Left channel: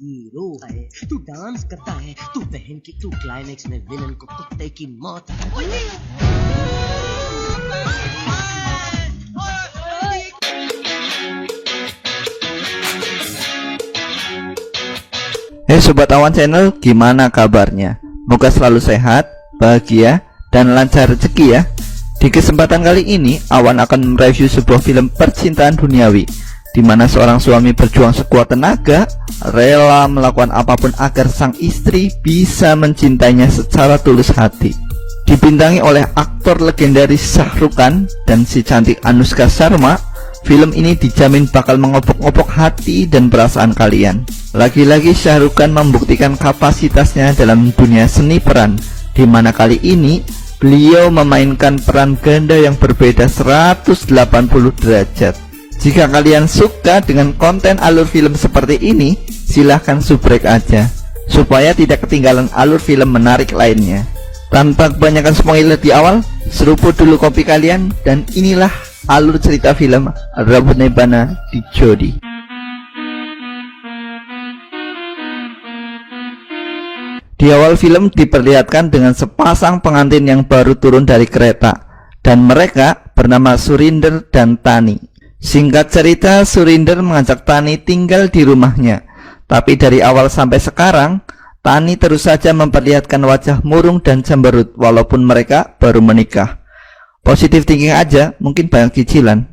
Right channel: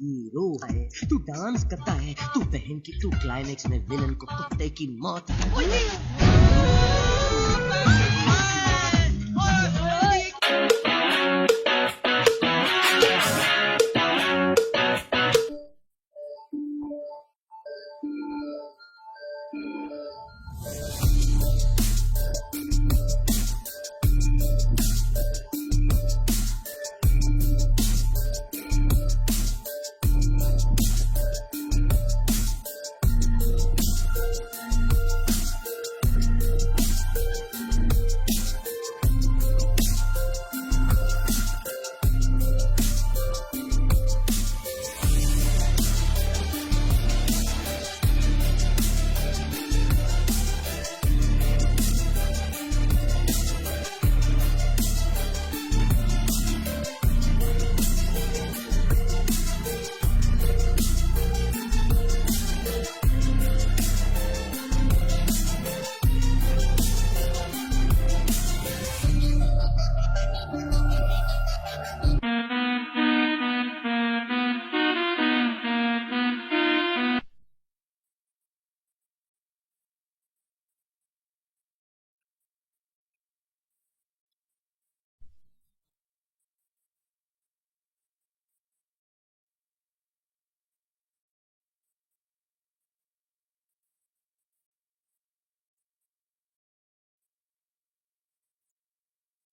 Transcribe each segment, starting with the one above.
हीरो है तू डांस करता है तू बहन की तू क्लाइमेक्स में विलन को कुत्ते की मौत Hey Sobat Awan Channel, gimana kabarnya? Moga selalu sehat, bahagia, dan lancar rezeki ya. Di kesempatan kali ini, Awan akan mereview sebuah film percintaan duniawi di mana seorang suami berjuang sekuat tenaga, rela melakukan apapun agar sang istri bisa mencintainya secara tulus hati. Dibintangi oleh aktor legendaris Shah Rukh Khan dan si cantik Anushka Sharma, film ini dijamin bakal mengobok-obok hati dan perasaan kalian. Lagi-lagi Shah Rukh Khan membuktikan kapasitasnya dalam dunia seni peran, di mana kali ini beliau memainkan peran ganda yang berbeda 180 derajat. Jika kalian suka dengan konten alur film seperti ini, silahkan subrek aja supaya tidak ketinggalan alur film menarik lainnya. Tanpa kebanyakan spoiler di awal, seruput dulu kopi kalian dan inilah alur cerita film Rambut Nebana di Jodi. Di awal film diperlihatkan dengan sepasang pengantin yang baru turun dari kereta, dan mereka bernama Surinder dan Tani. Singkat cerita, Surinder mengajak Tani tinggal di rumahnya, tapi dari awal sampai sekarang Tani terus saja memperlihatkan wajah murung dan cemberut walaupun mereka baru menikah. Positif thinking aja, mungkin banyak cicilan.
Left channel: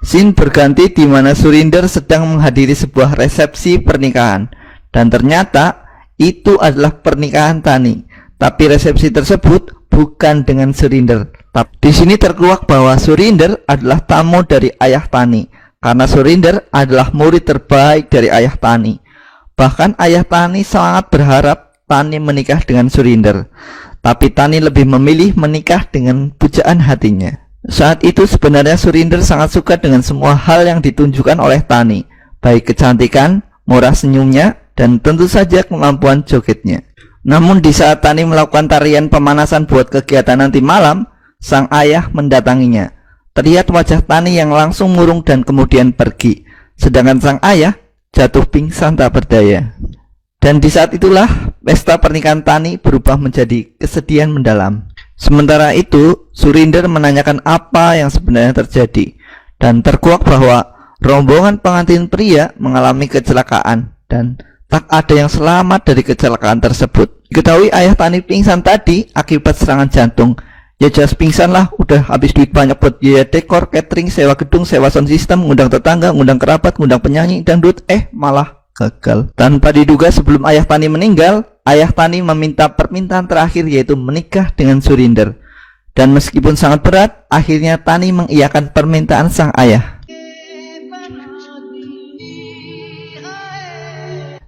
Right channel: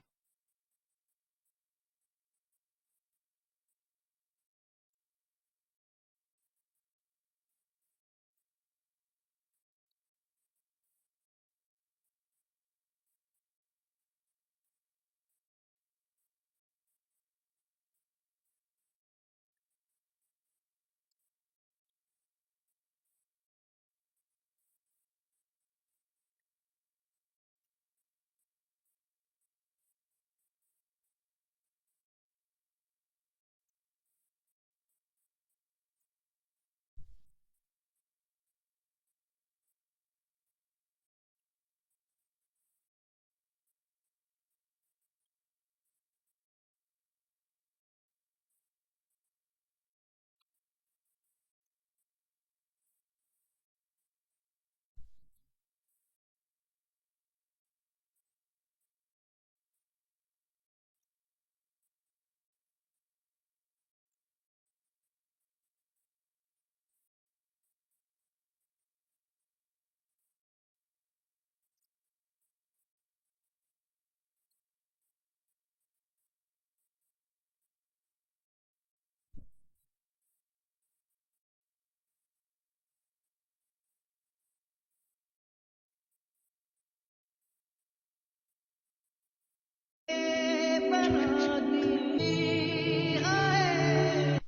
Scene berganti di mana Surinder sedang menghadiri sebuah resepsi pernikahan. Dan ternyata itu adalah pernikahan Tani. Tapi resepsi tersebut bukan dengan Surinder. Di sini terkuak bahwa Surinder adalah tamu dari ayah Tani, karena Surinder adalah murid terbaik dari ayah Tani. Bahkan ayah Tani sangat berharap Tani menikah dengan Surinder, tapi Tani lebih memilih menikah dengan pujaan hatinya. Saat itu sebenarnya Surinder sangat suka dengan semua hal yang ditunjukkan oleh Tani, baik kecantikan, murah senyumnya, dan tentu saja kemampuan jogetnya. Namun di saat Tani melakukan tarian pemanasan buat kegiatan nanti malam, sang ayah mendatanginya. Terlihat wajah Tani yang langsung murung dan kemudian pergi, sedangkan sang ayah jatuh pingsan tak berdaya. Dan di saat itulah pesta pernikahan Tani berubah menjadi kesedihan mendalam. Sementara itu Surinder menanyakan apa yang sebenarnya terjadi, dan terkuak bahwa rombongan pengantin pria mengalami kecelakaan dan tak ada yang selamat dari kecelakaan tersebut. Diketahui ayah Tani pingsan tadi akibat serangan jantung. Ya jelas pingsan lah, udah habis duit banyak buat biaya dekor, catering, sewa gedung, sewa sound system, ngundang tetangga, ngundang kerabat, ngundang penyanyi, dangdut, malah gagal. Tanpa diduga sebelum ayah Tani meninggal, ayah Tani meminta permintaan terakhir yaitu menikah dengan Surinder. Dan meskipun sangat berat, akhirnya Tani mengiyakan permintaan sang ayah.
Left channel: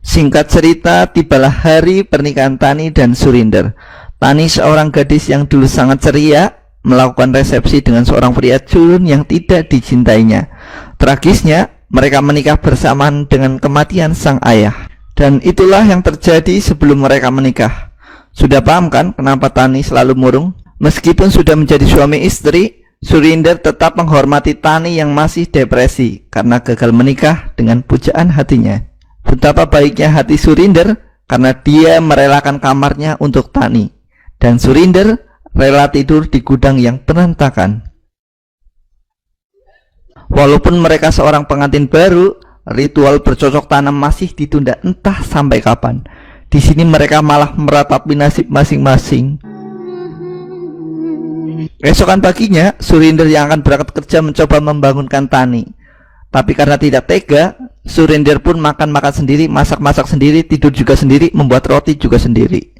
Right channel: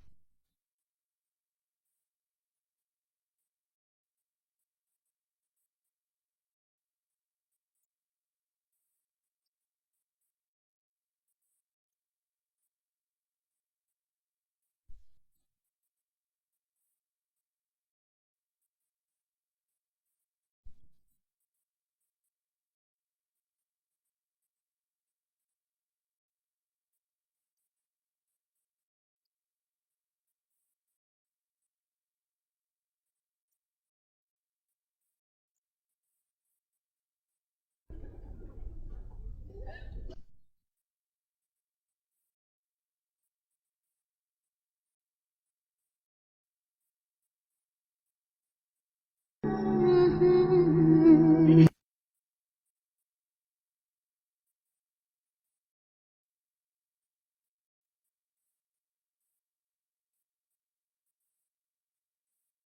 Singkat cerita, tibalah hari pernikahan Tani dan Surinder. Tani seorang gadis yang dulu sangat ceria melakukan resepsi dengan seorang pria culun yang tidak dicintainya. Tragisnya, mereka menikah bersamaan dengan kematian sang ayah. Dan itulah yang terjadi sebelum mereka menikah. Sudah paham kan kenapa Tani selalu murung? Meskipun sudah menjadi suami istri, Surinder tetap menghormati Tani yang masih depresi karena gagal menikah dengan pujaan hatinya. Betapa baiknya hati Surinder karena dia merelakan kamarnya untuk Tani. Dan Surinder rela tidur di gudang yang berantakan. Walaupun mereka seorang pengantin baru, ritual bercocok tanam masih ditunda entah sampai kapan. Di sini mereka malah meratapi nasib masing-masing. Esokan paginya, Surinder yang akan berangkat kerja mencoba membangunkan Tani. Tapi karena tidak tega, Surinder pun makan-makan sendiri, masak-masak sendiri, tidur juga sendiri, membuat roti juga sendiri.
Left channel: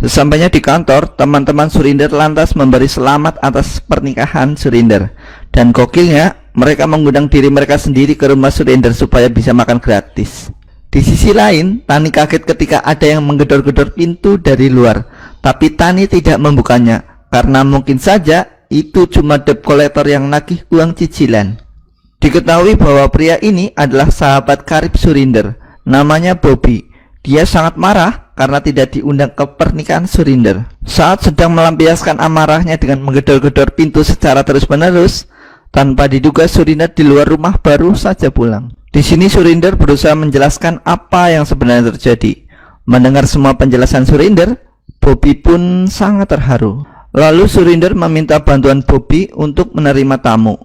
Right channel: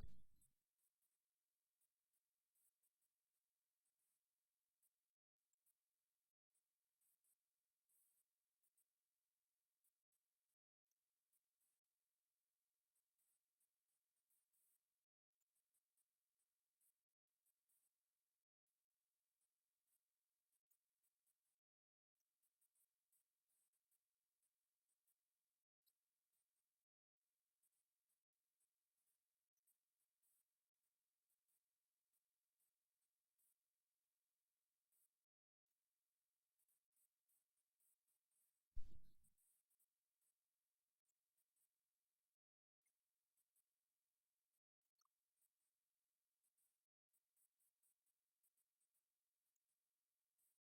Sesampainya di kantor, teman-teman Surinder lantas memberi selamat atas pernikahan Surinder. Dan gokilnya, mereka mengundang diri mereka sendiri ke rumah Surinder supaya bisa makan gratis. Di sisi lain, Tani kaget ketika ada yang menggedor-gedor pintu dari luar. Tapi Tani tidak membukanya, karena mungkin saja itu cuma debt collector yang nagih uang cicilan. Diketahui bahwa pria ini adalah sahabat karib Surinder, namanya Bobby. Dia sangat marah karena tidak diundang ke pernikahan Surinder. Saat sedang melampiaskan amarahnya dengan menggedor-gedor pintu secara terus-menerus, tanpa diduga Surinder di luar rumah baru saja pulang. Di sini Surinder berusaha menjelaskan apa yang sebenarnya terjadi. Mendengar semua penjelasan Surinder, Bobby pun sangat terharu. Lalu Surinder meminta bantuan Bobby untuk menerima tamu,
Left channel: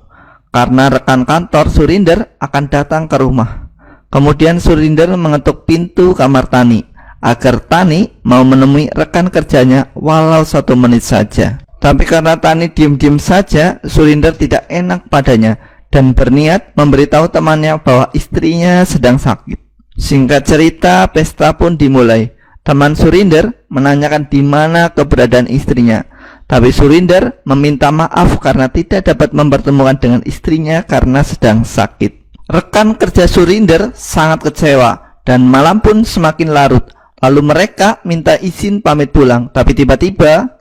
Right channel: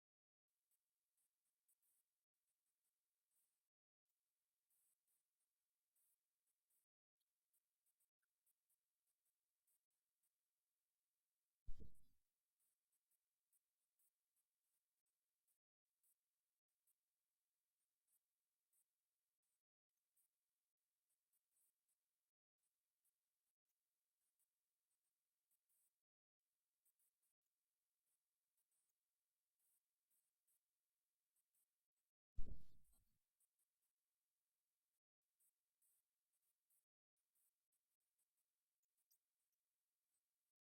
karena rekan kantor Surinder akan datang ke rumah. Kemudian Surinder mengetuk pintu kamar Tani agar Tani mau menemui rekan kerjanya walau 1 menit saja. Tapi karena Tani diam-diam saja, Surinder tidak enak padanya dan berniat memberitahu temannya bahwa istrinya sedang sakit. Singkat cerita, pesta pun dimulai. Teman Surinder menanyakan di mana keberadaan istrinya, tapi Surinder meminta maaf karena tidak dapat mempertemukan dengan istrinya karena sedang sakit. Rekan kerja Surinder sangat kecewa dan malam pun semakin larut. Lalu mereka minta izin pamit pulang, tapi tiba-tiba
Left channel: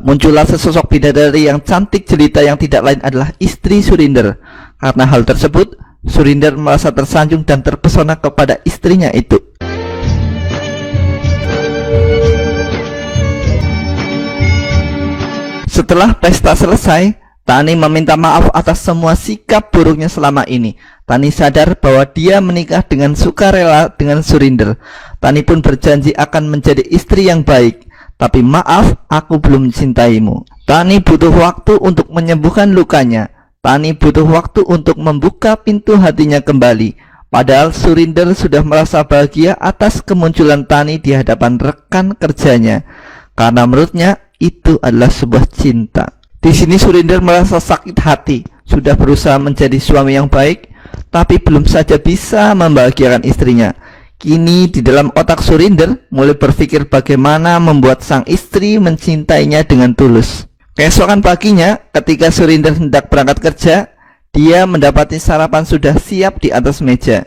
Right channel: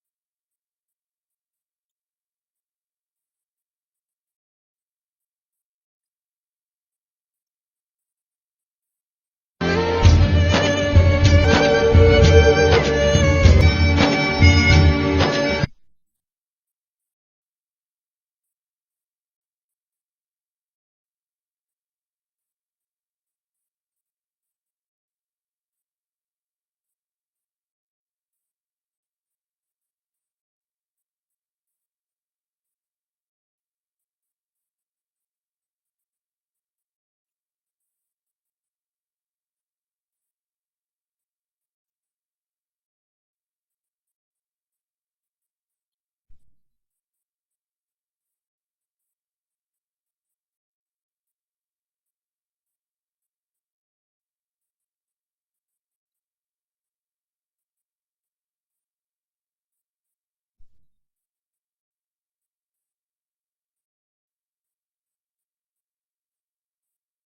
muncullah sesosok bidadari yang cantik jelita yang tidak lain adalah istri Surinder. Karena hal tersebut, Surinder merasa tersanjung dan terpesona kepada istrinya itu. Setelah pesta selesai, Tani meminta maaf atas semua sikap buruknya selama ini. Tani sadar bahwa dia menikah dengan sukarela dengan Surinder. Tani pun berjanji akan menjadi istri yang baik. Tapi maaf, aku belum mencintaimu. Tani butuh waktu untuk menyembuhkan lukanya. Tani butuh waktu untuk membuka pintu hatinya kembali. Padahal Surinder sudah merasa bahagia atas kemunculan Tani di hadapan rekan kerjanya, karena menurutnya itu adalah sebuah cinta. Di sini Surinder merasa sakit hati. Sudah berusaha menjadi suami yang baik, tapi belum saja bisa membahagiakan istrinya. Kini di dalam otak Surinder mulai berpikir bagaimana membuat sang istri mencintainya dengan tulus. Keesokan paginya, ketika Surinder hendak berangkat kerja, dia mendapati sarapan sudah siap di atas meja,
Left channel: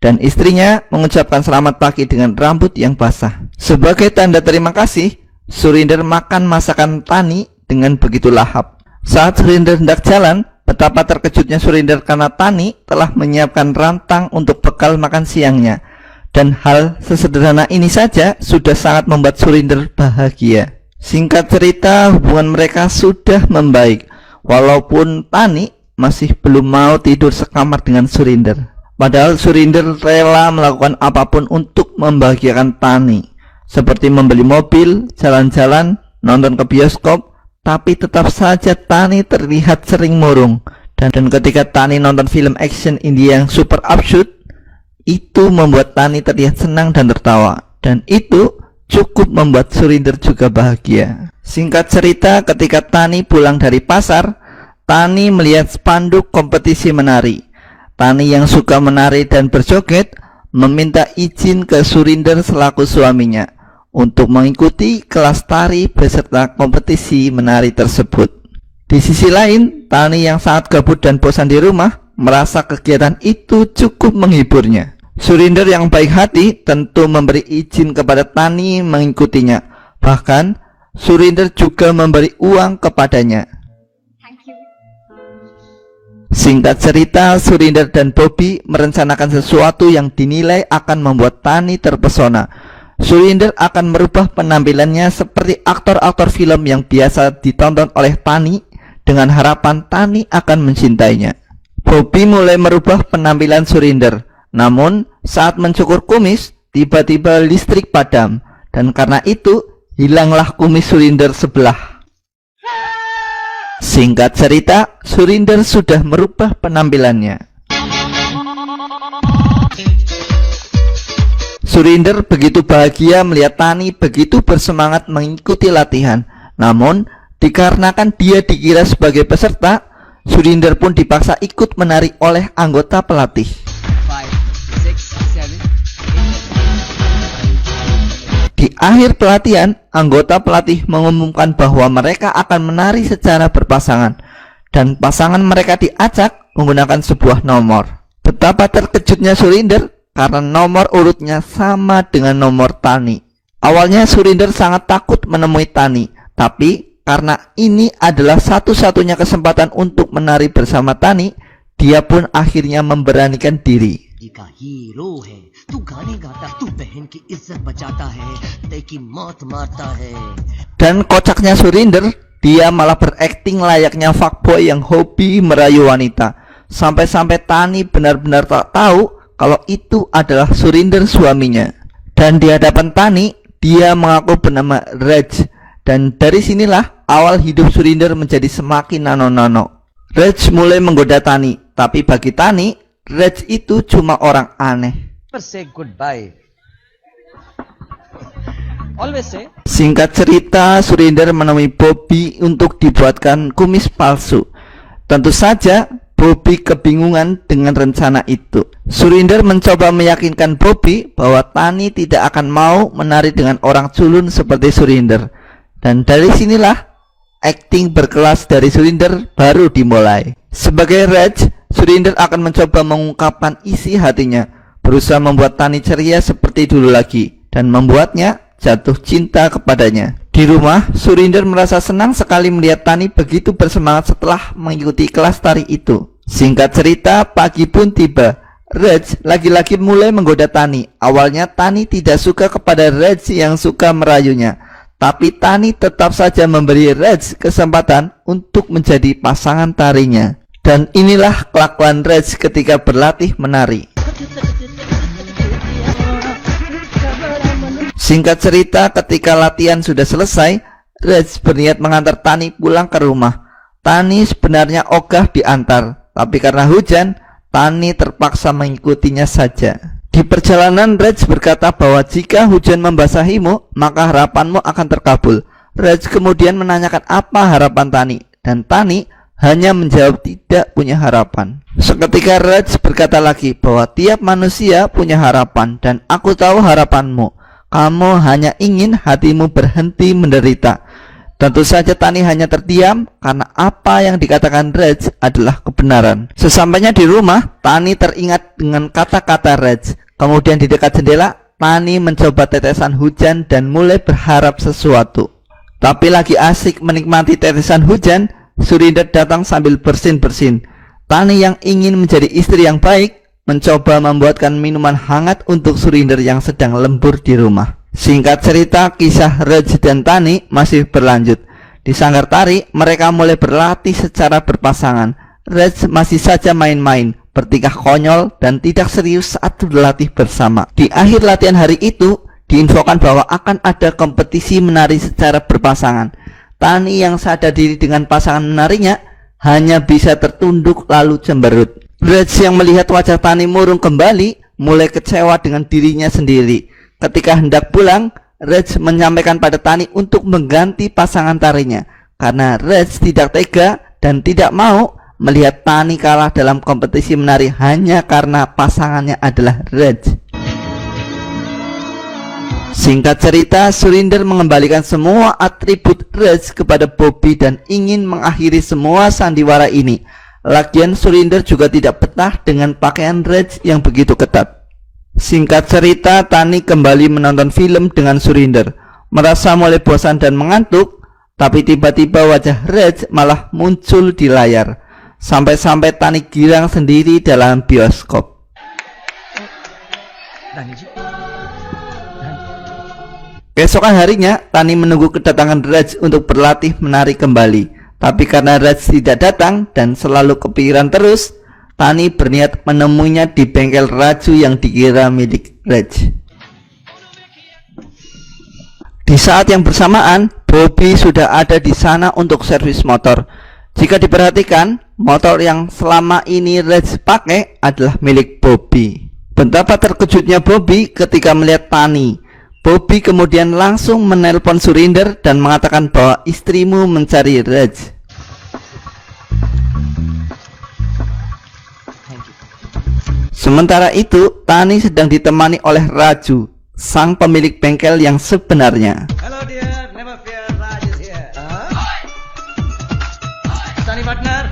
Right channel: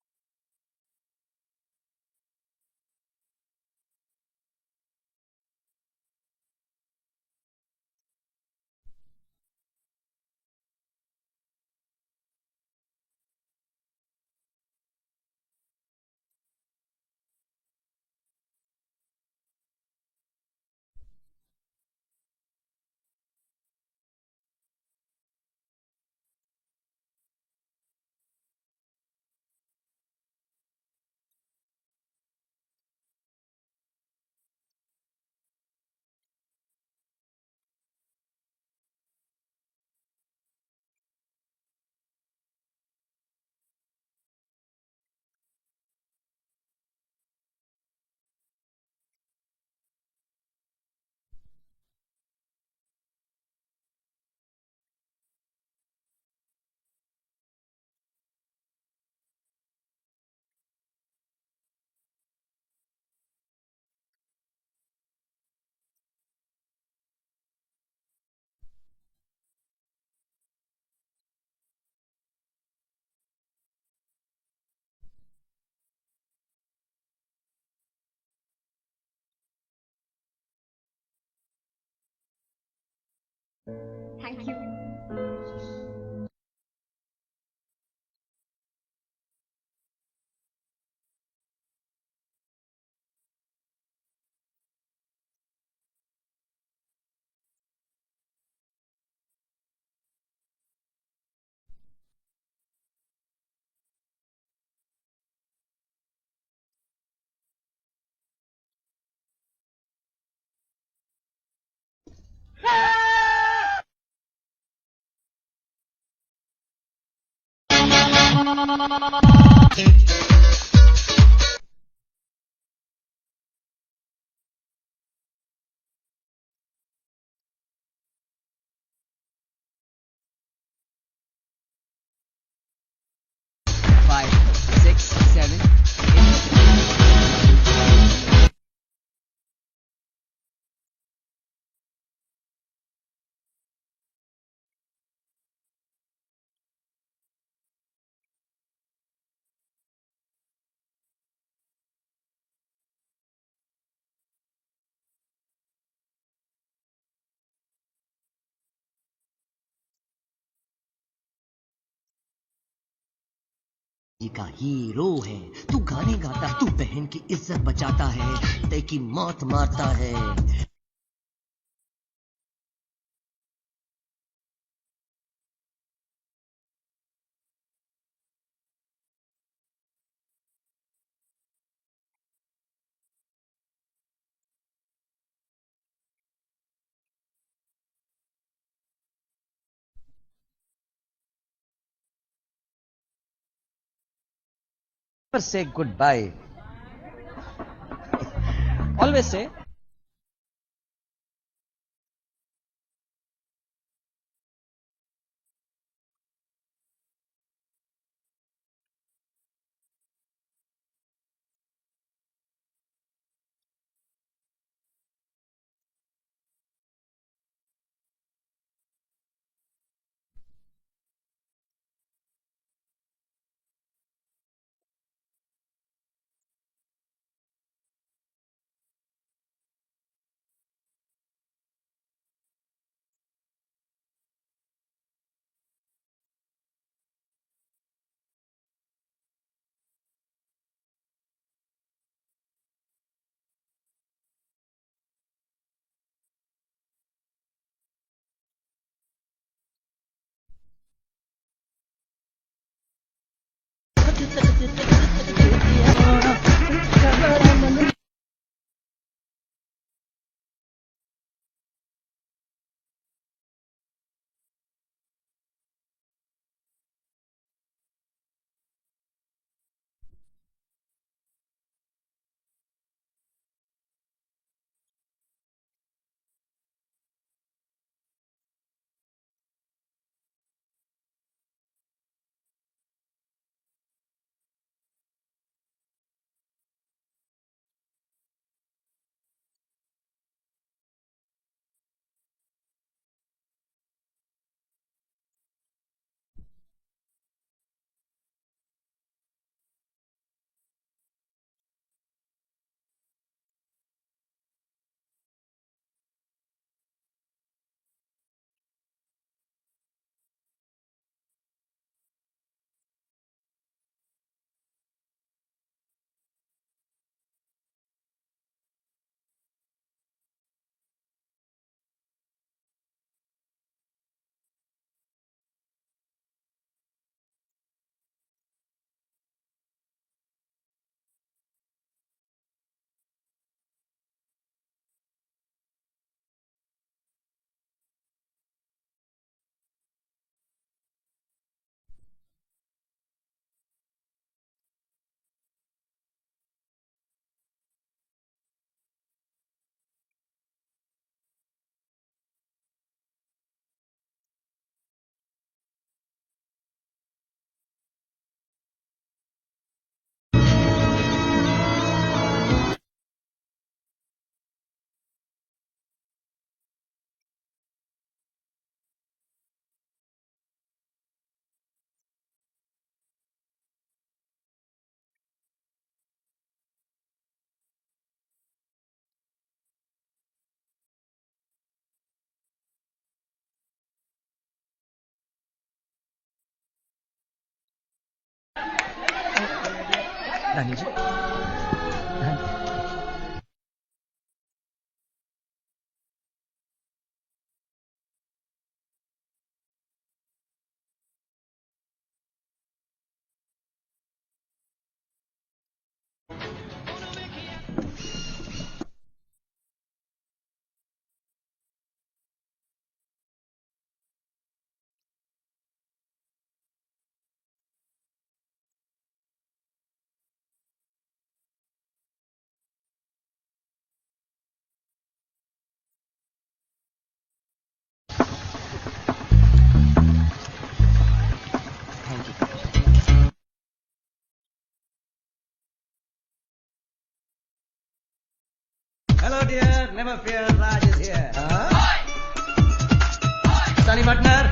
dan istrinya mengucapkan selamat pagi dengan rambut yang basah. Sebagai tanda terima kasih, Surinder makan masakan Tani dengan begitu lahap. Saat Surinder hendak jalan, betapa terkejutnya Surinder karena Tani telah menyiapkan rantang untuk bekal makan siangnya. Dan hal sesederhana ini saja sudah sangat membuat Surinder bahagia. Singkat cerita, hubungan mereka sudah membaik, walaupun Tani masih belum mau tidur sekamar dengan Surinder. Padahal Surinder rela melakukan apapun untuk membahagiakan Tani, seperti membeli mobil, jalan-jalan, nonton ke bioskop. Tapi tetap saja Tani terlihat sering murung. Dan ketika Tani nonton film action India yang super absurd, itu membuat Tani terlihat senang dan tertawa. Dan itu cukup membuat Surinder juga bahagia. Singkat cerita, ketika Tani pulang dari pasar, Tani melihat spanduk kompetisi menari. Tani yang suka menari dan berjoget meminta izin ke Surinder selaku suaminya untuk mengikuti kelas tari beserta kompetisi menari tersebut. Di sisi lain, Tani yang sangat gabut dan bosan di rumah merasa kegiatan itu cukup menghiburnya. Surinder yang baik hati tentu memberi izin kepada Tani mengikutinya. Bahkan Surinder juga memberi uang kepadanya. Singkat cerita, Surinder dan Bobby merencanakan sesuatu yang dinilai akan membuat Tani terpesona. Surinder akan merubah penampilannya seperti aktor-aktor film yang biasa ditonton oleh Tani dengan harapan Tani akan mencintainya. Bobby mulai merubah penampilan Surinder. Namun saat mencukur kumis, tiba-tiba listrik padam, dan karena itu hilanglah kumis Surinder sebelah. Singkat cerita, Surinder sudah merubah penampilannya. Surinder begitu bahagia melihat Tani begitu bersemangat mengikuti latihan. Namun, dikarenakan dia dikira sebagai peserta, Surinder pun dipaksa ikut menari oleh anggota pelatih. 5, 6, 7, 8. Di akhir pelatihan, anggota pelatih mengumumkan bahwa mereka akan menari secara berpasangan, dan pasangan mereka diacak menggunakan sebuah nomor. Betapa terkejutnya Surinder karena nomor urutnya sama dengan nomor Tani. Awalnya Surinder sangat takut menemui Tani, tapi Karena ini adalah satu-satunya kesempatan untuk menari bersama Tani, dia pun akhirnya memberanikan diri. का हीरो है तू गाने गाता तू बहन की इज्जत बचाता है तेकी मौत मारता है. Dan kocaknya Surinder, dia malah berakting layaknya fuckboy yang hobi merayu wanita. Sampai-sampai Tani benar-benar tak tahu kalau itu adalah Surinder suaminya. Dan di hadapan Tani, dia mengaku bernama Raj. Dan dari sinilah awal hidup Surinder menjadi semakin nano-nano. Raj mulai menggoda Tani, tapi bagi Tani, Raj itu cuma orang aneh. Say goodbye. Always say. Singkat cerita, Surinder menemui Bobby untuk dibuatkan kumis palsu. Tentu saja Bobby kebingungan dengan rencana itu. Surinder mencoba meyakinkan Bobby bahwa Tani tidak akan mau menari dengan orang culun seperti Surinder. Dan dari sinilah akting berkelas dari Surinder baru dimulai. Sebagai Raj, Surinder akan mencoba mengungkapkan isi hatinya, berusaha membuat Tani ceria seperti dulu lagi, dan membuatnya jatuh cinta kepadanya. Di rumah, Surinder merasa senang sekali melihat Tani begitu bersemangat setelah mengikuti kelas tari itu. Singkat cerita, pagi pun tiba. Raj lagi-lagi mulai menggoda Tani. Awalnya Tani tidak suka kepada Raj yang suka merayunya, tapi Tani tetap saja memberi Raj kesempatan untuk menjadi pasangan tarinya. Dan inilah kelakuan Raj ketika berlatih menari. Singkat cerita, ketika latihan sudah selesai, Raj berniat mengantar Tani pulang ke rumah. Tani sebenarnya ogah diantar, tapi karena hujan, Tani terpaksa mengikutinya saja. Di perjalanan, Raj berkata bahwa jika hujan membasahimu, maka harapanmu akan terkabul. Raj kemudian menanyakan apa harapan Tani, dan Tani hanya menjawab tidak punya harapan. Seketika Raj berkata lagi bahwa tiap manusia punya harapan, dan aku tahu harapanmu. Kamu hanya ingin hatimu berhenti menderita. Tentu saja Tani hanya terdiam karena apa yang dikatakan Raj adalah kebenaran. Sesampainya di rumah, Tani teringat dengan kata-kata Raj. Kemudian di dekat jendela, Tani mencoba tetesan hujan dan mulai berharap sesuatu. Tapi lagi asik menikmati tetesan hujan, Surinder datang sambil bersin-bersin. Tani yang ingin menjadi istri yang baik mencoba membuatkan minuman hangat untuk Surinder yang sedang lembur di rumah. Singkat cerita, kisah Raj dan Tani masih berlanjut. Di sanggar tari, mereka mulai berlatih secara berpasangan. Raj masih saja main-main, bertingkah konyol, dan tidak serius saat berlatih bersama. Di akhir latihan hari itu, diinfokan bahwa akan ada kompetisi menari secara berpasangan. Tani yang sadar diri dengan pasangan menarinya hanya bisa tertunduk lalu cemberut. Raj yang melihat wajah Tani murung kembali mulai kecewa dengan dirinya sendiri. Ketika hendak pulang, Raj menyampaikan pada Tani untuk mengganti pasangan tarinya karena Raj tidak tega dan tidak mau melihat Tani kalah dalam kompetisi menari hanya karena pasangannya adalah Raj. Singkat cerita, Surinder mengembalikan semua atribut Raj kepada Bobby dan ingin mengakhiri semua sandiwara ini. Lagian Surinder juga tidak betah dengan pakaian Raj yang begitu ketat. Singkat cerita, Tani kembali menonton film dengan Surinder. Merasa mulai bosan dan mengantuk, tapi tiba-tiba wajah Raj malah muncul di layar. Sampai-sampai Tani girang sendiri dalam bioskop. Keesokan harinya, Tani menunggu kedatangan Raj untuk berlatih menari kembali. Tapi karena Raj tidak datang dan selalu kepikiran terus, Tani berniat menemuinya di bengkel Raju yang dikira milik Raj. Di saat yang bersamaan, Bobby sudah ada di sana untuk servis motor. Jika diperhatikan, motor yang selama ini Raj pakai adalah milik Bobby. Betapa terkejutnya Bobby ketika melihat Tani. Bobby kemudian langsung menelpon Surinder dan mengatakan bahwa istrimu mencari Raj. Sementara itu, Tani sedang ditemani oleh Raju, sang pemilik bengkel yang sebenarnya. Hello dear, never fear, Raj is here. Tani partner,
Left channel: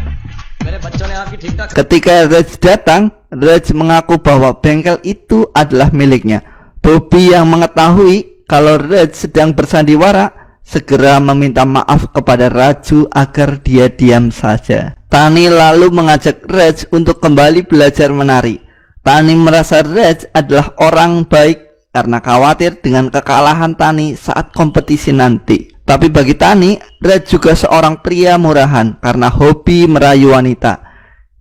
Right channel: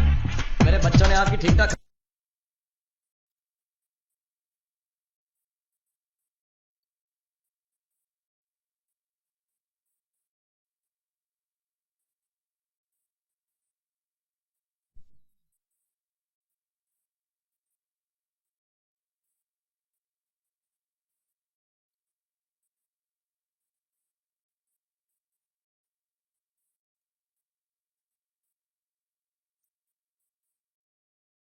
mere bachon ne aapki theek-thaak. Ketika Raj datang, Raj mengaku bahwa bengkel itu adalah miliknya. Bobby yang mengetahui kalau Raj sedang bersandiwara segera meminta maaf kepada Raju agar dia diam saja. Tani lalu mengajak Raj untuk kembali belajar menari. Tani merasa Raj adalah orang baik karena khawatir dengan kekalahan Tani saat kompetisi nanti. Tapi bagi Tani, Raj juga seorang pria murahan karena hobi merayu wanita.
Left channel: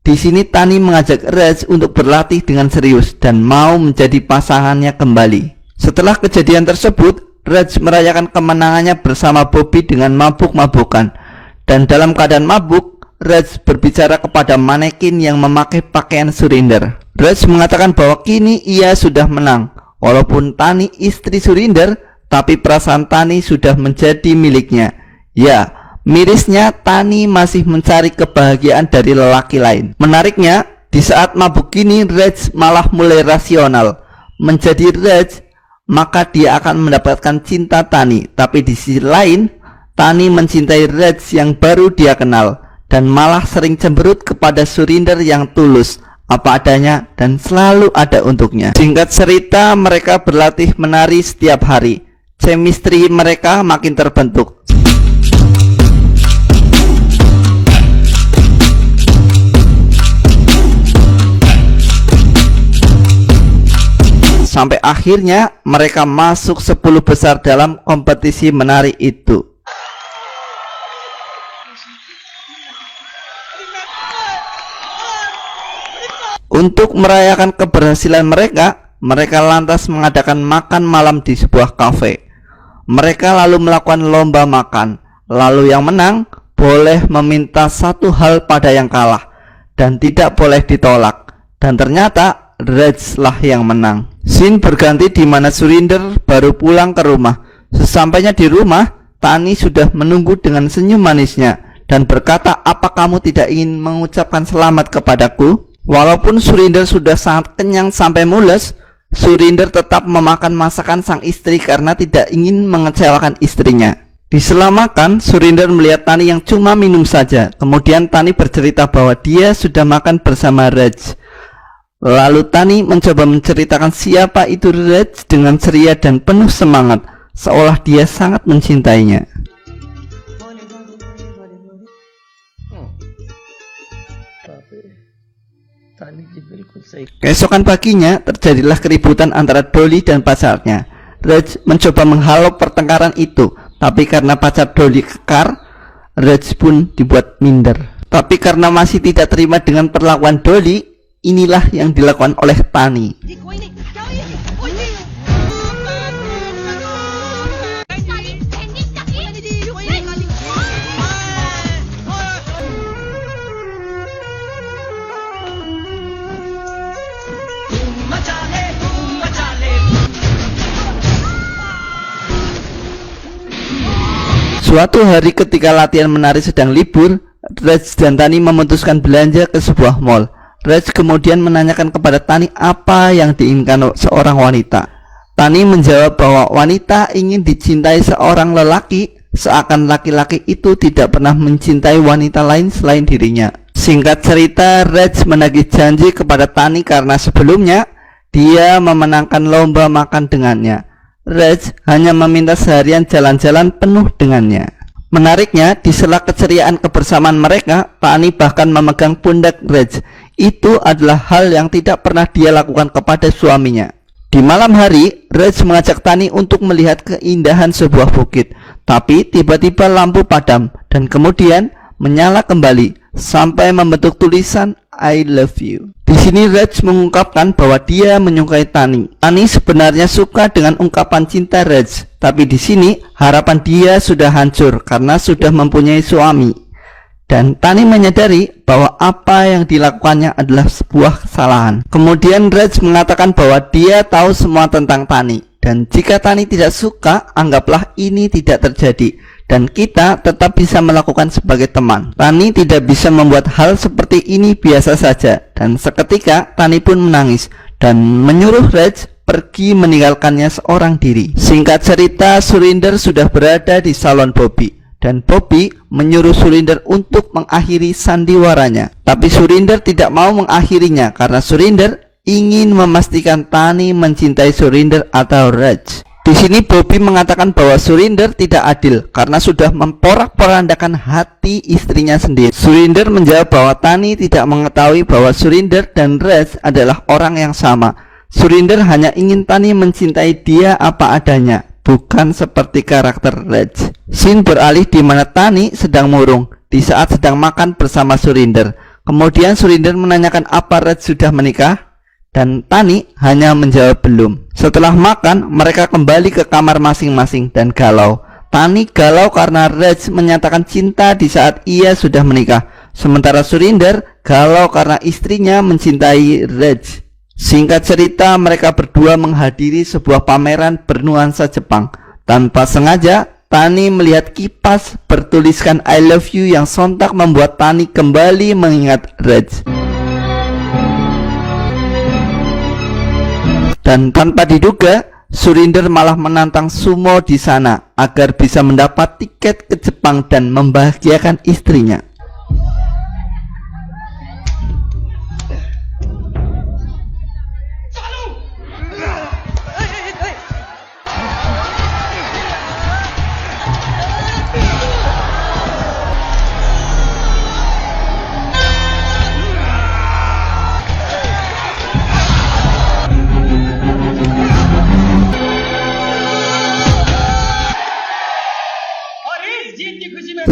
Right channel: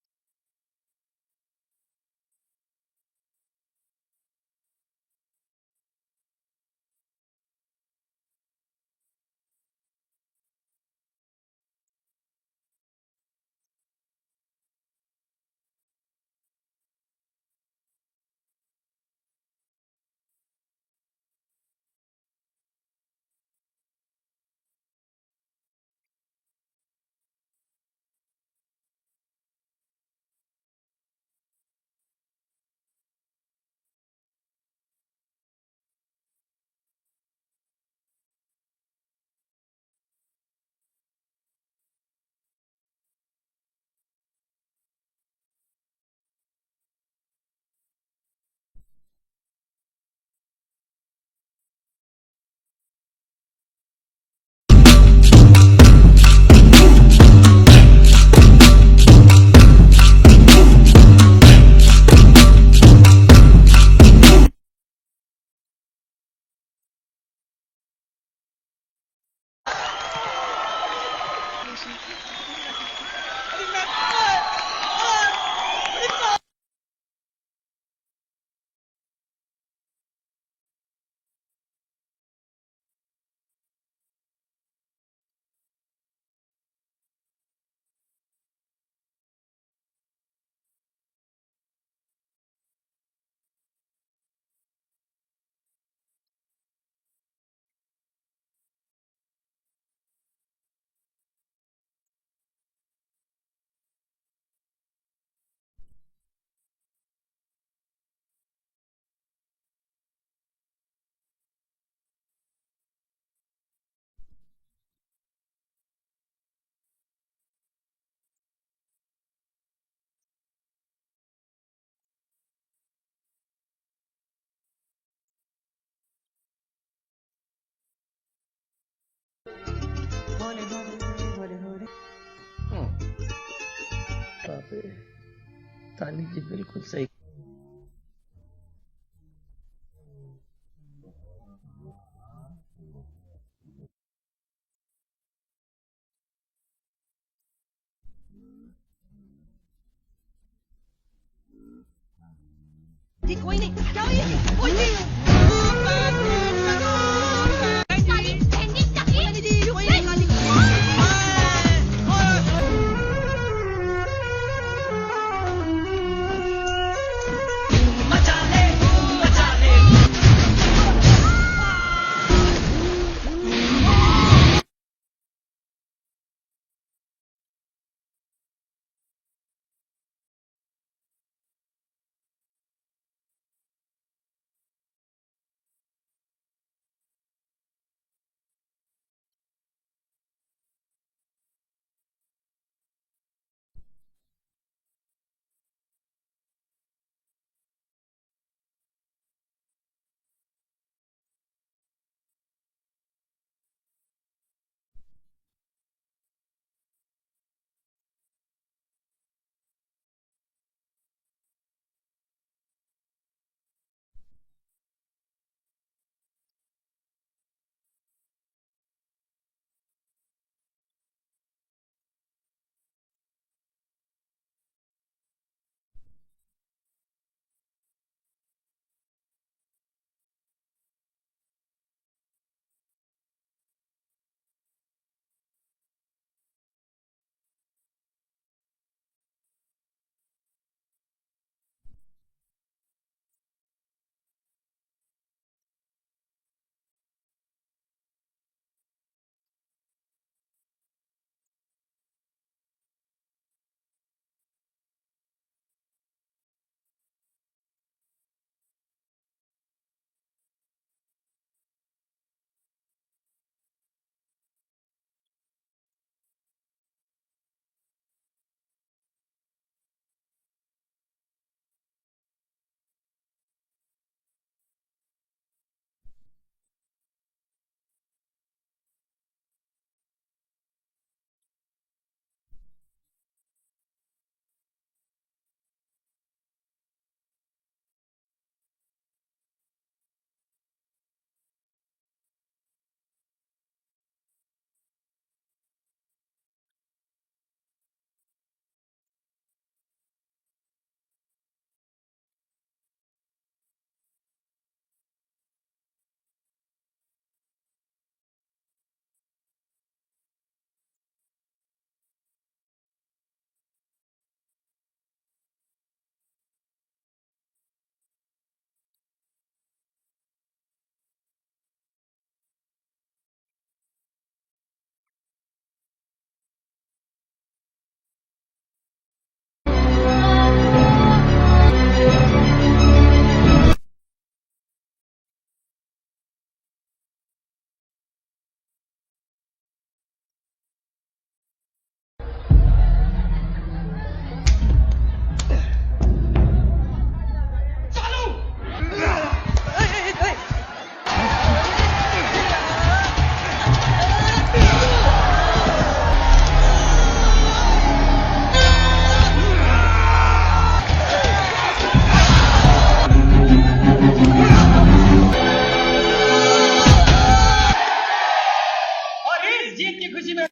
Di sini Tani mengajak Raj untuk berlatih dengan serius dan mau menjadi pasangannya kembali. Setelah kejadian tersebut, Raj merayakan kemenangannya bersama Bobby dengan mabuk-mabukan. Dan dalam keadaan mabuk, Raj berbicara kepada manekin yang memakai pakaian Surinder. Raj mengatakan bahwa kini ia sudah menang. Walaupun Tani istri Surinder, tapi perasaan Tani sudah menjadi miliknya. Ya, mirisnya Tani masih mencari kebahagiaan dari lelaki lain. Menariknya, di saat mabuk kini Raj malah mulai rasional. Menjadi Raj, maka dia akan mendapatkan cinta Tani. Tapi di sisi lain, Tani mencintai Raj yang baru dia kenal dan malah sering cemberut kepada Surinder yang tulus, apa adanya dan selalu ada untuknya. Singkat cerita, mereka berlatih menari setiap hari. Chemistry mereka makin terbentuk. Sampai akhirnya mereka masuk 10 besar dalam kompetisi menari itu. Untuk merayakan keberhasilan mereka, mereka lantas mengadakan makan malam di sebuah kafe. Mereka lalu melakukan lomba makan. Lalu yang menang boleh meminta satu hal pada yang kalah dan tidak boleh ditolak. Dan ternyata Raj lah yang menang. Scene berganti di mana Surinder baru pulang ke rumah. Sesampainya di rumah, Tani sudah menunggu dengan senyum manisnya dan berkata, "Apa kamu tidak ingin mengucapkan selamat kepadaku?" Walaupun Surinder sudah sangat kenyang sampai mules, Surinder tetap memakan masakan sang istri karena tidak ingin mengecewakan istrinya. Di sela makan, Surinder melihat Tani yang cuma minum saja. Kemudian Tani bercerita bahwa dia sudah makan bersama Raj. Lalu Tani mencoba menceritakan siapa itu Raj dengan ceria dan penuh semangat, seolah dia sangat mencintainya. Keesokan paginya terjadilah keributan antara Dolly dan pacarnya. Raj mencoba menghalau pertengkaran itu, tapi karena pacar Dolly kekar, Raj pun dibuat minder. Tapi karena masih tidak terima dengan perlakuan Dolly, inilah yang dilakukan oleh Tani. Suatu hari ketika latihan menari sedang libur, Raj dan Tani memutuskan belanja ke sebuah mall. Raj kemudian menanyakan kepada Tani apa yang diinginkan seorang wanita. Tani menjawab bahwa wanita ingin dicintai seorang lelaki, seakan laki-laki itu tidak pernah mencintai wanita lain selain dirinya. Singkat cerita, Raj menagih janji kepada Tani karena sebelumnya dia memenangkan lomba makan dengannya. Raj hanya meminta seharian jalan-jalan penuh dengannya. Menariknya, di sela keceriaan kebersamaan mereka, Tani bahkan memegang pundak Raj. Itu adalah hal yang tidak pernah dia lakukan kepada suaminya. Di malam hari, Raj mengajak Tani untuk melihat keindahan sebuah bukit. Tapi tiba-tiba lampu padam dan kemudian menyala kembali sampai membentuk tulisan I love you. Di sini Raj mengungkapkan bahwa dia menyukai Tani. Tani sebenarnya suka dengan ungkapan cinta Raj, tapi di sini harapan dia sudah hancur karena sudah mempunyai suami. Dan Tani menyadari bahwa apa yang dilakukannya adalah sebuah kesalahan. Kemudian Raj mengatakan bahwa dia tahu semua tentang Tani, dan jika Tani tidak suka, anggaplah ini tidak terjadi dan kita tetap bisa melakukan sebagai teman. Tani tidak bisa membuat hal seperti ini biasa saja, dan seketika Tani pun menangis dan menyuruh Raj pergi meninggalkannya seorang diri. Singkat cerita, Surinder sudah berada di salon Bobby dan Bobby menyuruh Surinder untuk mengakhiri sandiwaranya. Tapi Surinder tidak mau mengakhirinya karena Surinder ingin memastikan Tani mencintai Surinder atau Raj. Di sini Bobby mengatakan bahwa Surinder tidak adil karena sudah memporak-porandakan hati istrinya sendiri. Surinder menjawab bahwa Tani tidak mengetahui bahwa Surinder dan Raj adalah orang yang sama. Surinder hanya ingin Tani mencintai dia apa adanya, bukan seperti karakter Raj. Scene beralih di mana Tani sedang murung di saat sedang makan bersama Surinder. Kemudian Surinder menanyakan apa Raj sudah menikah, dan Tani hanya menjawab belum. Setelah makan, mereka kembali ke kamar masing-masing dan galau. Tani galau karena Raj menyatakan cinta di saat ia sudah menikah. Sementara Surinder galau karena istrinya mencintai Raj. Singkat cerita, mereka berdua menghadiri sebuah pameran bernuansa Jepang. Tanpa sengaja, Tani melihat kipas bertuliskan I love you yang sontak membuat Tani kembali mengingat Raj. Dan tanpa diduga, Surinder malah menantang Sumo di sana agar bisa mendapat tiket ke Jepang dan membahagiakan istrinya.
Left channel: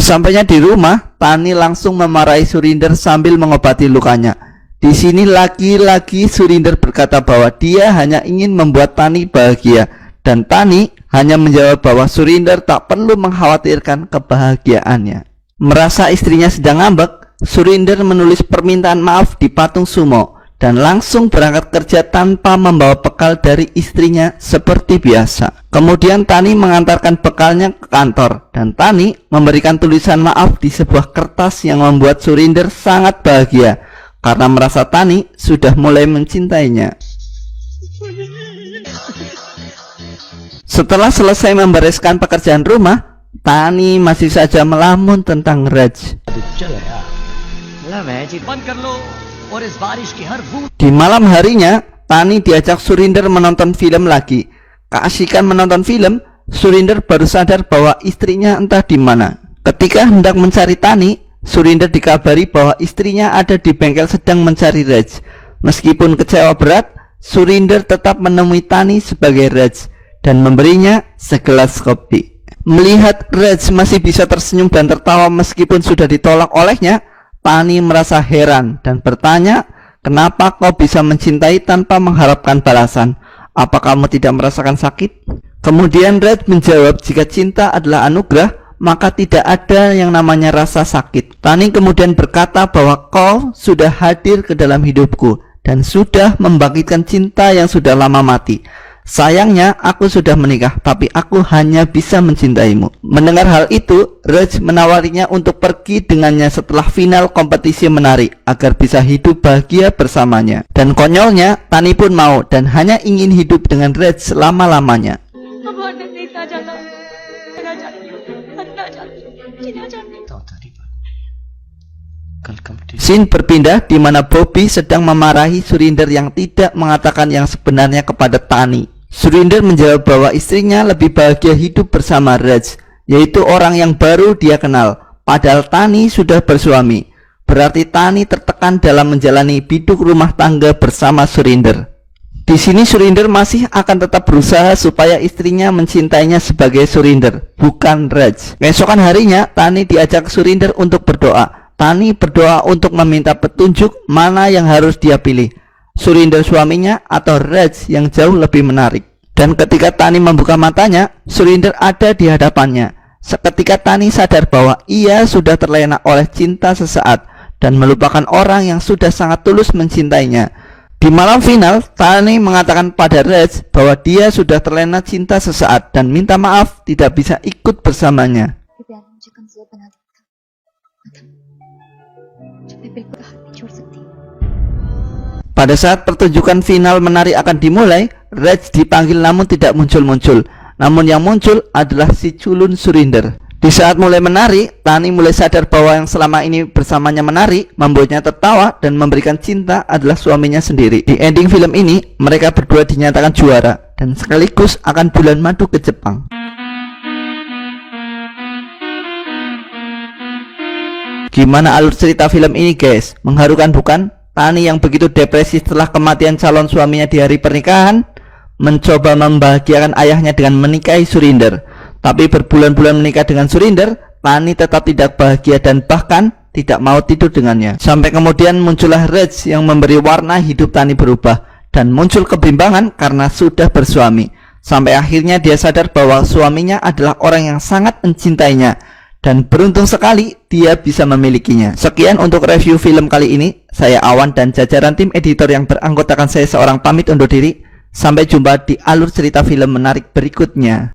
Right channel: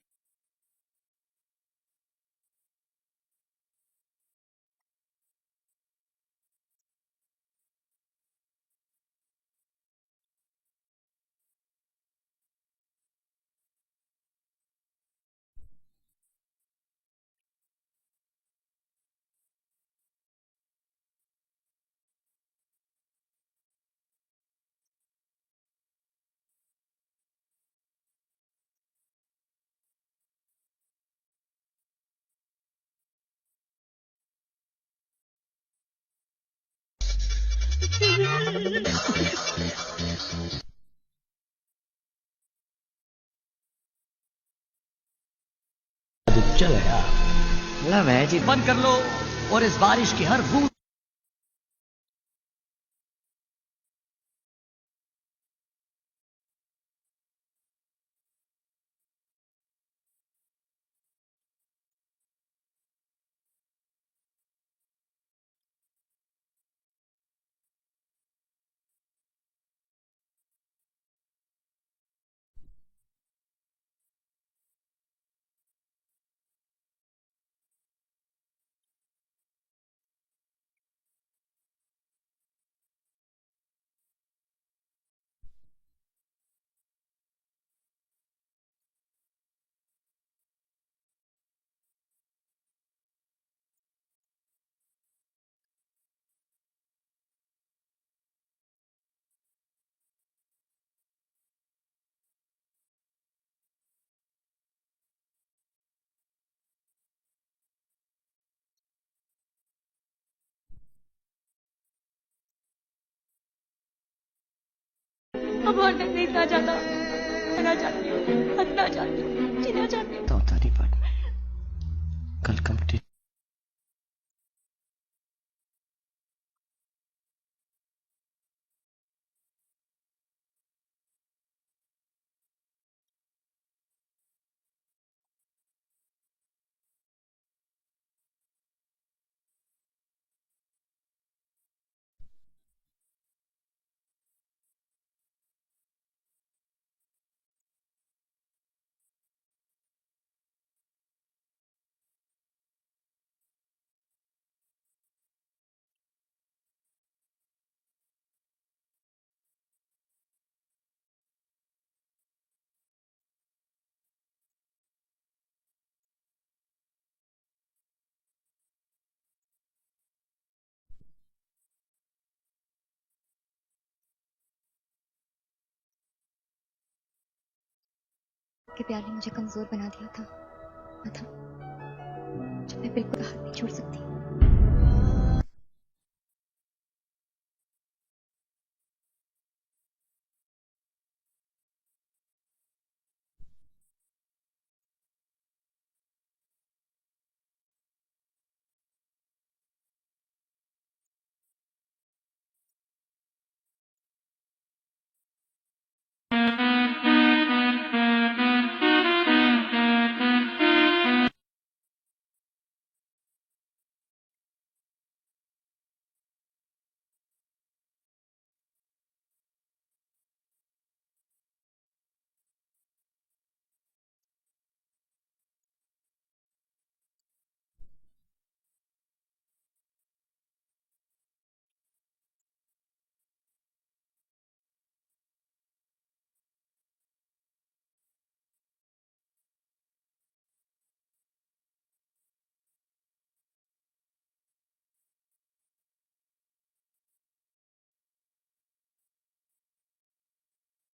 Sesampainya di rumah, Tani langsung memarahi Surinder sambil mengobati lukanya. Di sini lagi-lagi Surinder berkata bahwa dia hanya ingin membuat Tani bahagia, dan Tani hanya menjawab bahwa Surinder tak perlu mengkhawatirkan kebahagiaannya. Merasa istrinya sedang ngambek, Surinder menulis permintaan maaf di patung sumo dan langsung berangkat kerja tanpa membawa bekal dari istrinya seperti biasa. Kemudian Tani mengantarkan bekalnya ke kantor dan Tani memberikan tulisan maaf di sebuah kertas yang membuat Surinder sangat bahagia karena merasa Tani sudah mulai mencintainya. Setelah selesai membereskan pekerjaan rumah, Tani masih saja melamun tentang Raj. Di malam harinya, Tani diajak Surinder menonton film lagi. Keasikan menonton film, Surinder baru sadar bahwa istrinya entah di mana. Ketika hendak mencari Tani, Surinder dikabari bahwa istrinya ada di bengkel sedang mencari Raj. Meskipun kecewa berat, Surinder tetap menemui Tani sebagai Raj dan memberinya segelas kopi. Melihat Raj masih bisa tersenyum dan tertawa meskipun sudah ditolak olehnya, Tani merasa heran dan bertanya, kenapa kau bisa mencintai tanpa mengharapkan balasan? Apa kamu tidak merasakan sakit? Kemudian Raj menjawab, jika cinta adalah anugerah, maka tidak ada yang namanya rasa sakit. Tani kemudian berkata bahwa kau sudah hadir ke dalam hidupku dan sudah membangkitkan cinta yang sudah lama mati. Sayangnya aku sudah menikah, tapi aku hanya bisa mencintaimu. Mendengar hal itu, Raj menawarinya untuk pergi dengannya setelah final kompetisi menari agar bisa hidup bahagia bersamanya. Dan konyolnya, Tani pun mau dan hanya ingin hidup dengan Raj selama-lamanya. Scene berpindah di mana Bobby sedang memarahi Surinder yang tidak mengatakan yang sebenarnya kepada Tani. Surinder menjawab bahwa istrinya lebih bahagia hidup bersama Raj, yaitu orang yang baru dia kenal, padahal Tani sudah bersuami. Berarti Tani tertekan dalam menjalani biduk rumah tangga bersama Surinder. Di sini Surinder masih akan tetap berusaha supaya istrinya mencintainya sebagai Surinder, bukan Raj. Keesokan harinya, Tani diajak Surinder untuk berdoa. Tani berdoa untuk meminta petunjuk mana yang harus dia pilih, Surinder suaminya atau Raj yang jauh lebih menarik. Dan ketika Tani membuka matanya, Surinder ada di hadapannya. Seketika Tani sadar bahwa ia sudah terlena oleh cinta sesaat dan melupakan orang yang sudah sangat tulus mencintainya. Di malam final, Tani mengatakan pada Raj bahwa dia sudah terlena cinta sesaat dan minta maaf tidak bisa ikut bersamanya. Pada saat pertunjukan final menari akan dimulai, Raj dipanggil namun tidak muncul-muncul. Namun yang muncul adalah si culun Surinder. Di saat mulai menari, Tani mulai sadar bahwa yang selama ini bersamanya menari, membuatnya tertawa dan memberikan cinta adalah suaminya sendiri. Di ending film ini, mereka berdua dinyatakan juara dan sekaligus akan bulan madu ke Jepang. Gimana alur cerita film ini guys? Mengharukan bukan? Tani yang begitu depresi setelah kematian calon suaminya di hari pernikahan mencoba membahagiakan ayahnya dengan menikahi Surinder. Tapi berbulan-bulan menikah dengan Surinder, Tani tetap tidak bahagia dan bahkan tidak mau tidur dengannya. Sampai kemudian muncullah Raj yang memberi warna hidup Tani berubah dan muncul kebimbangan karena sudah bersuami. Sampai akhirnya dia sadar bahwa suaminya adalah orang yang sangat mencintainya dan beruntung sekali dia bisa memilikinya. Sekian untuk review film kali ini. Saya Awan dan jajaran tim editor yang beranggotakan saya seorang pamit undur diri. Sampai jumpa di alur cerita film menarik berikutnya.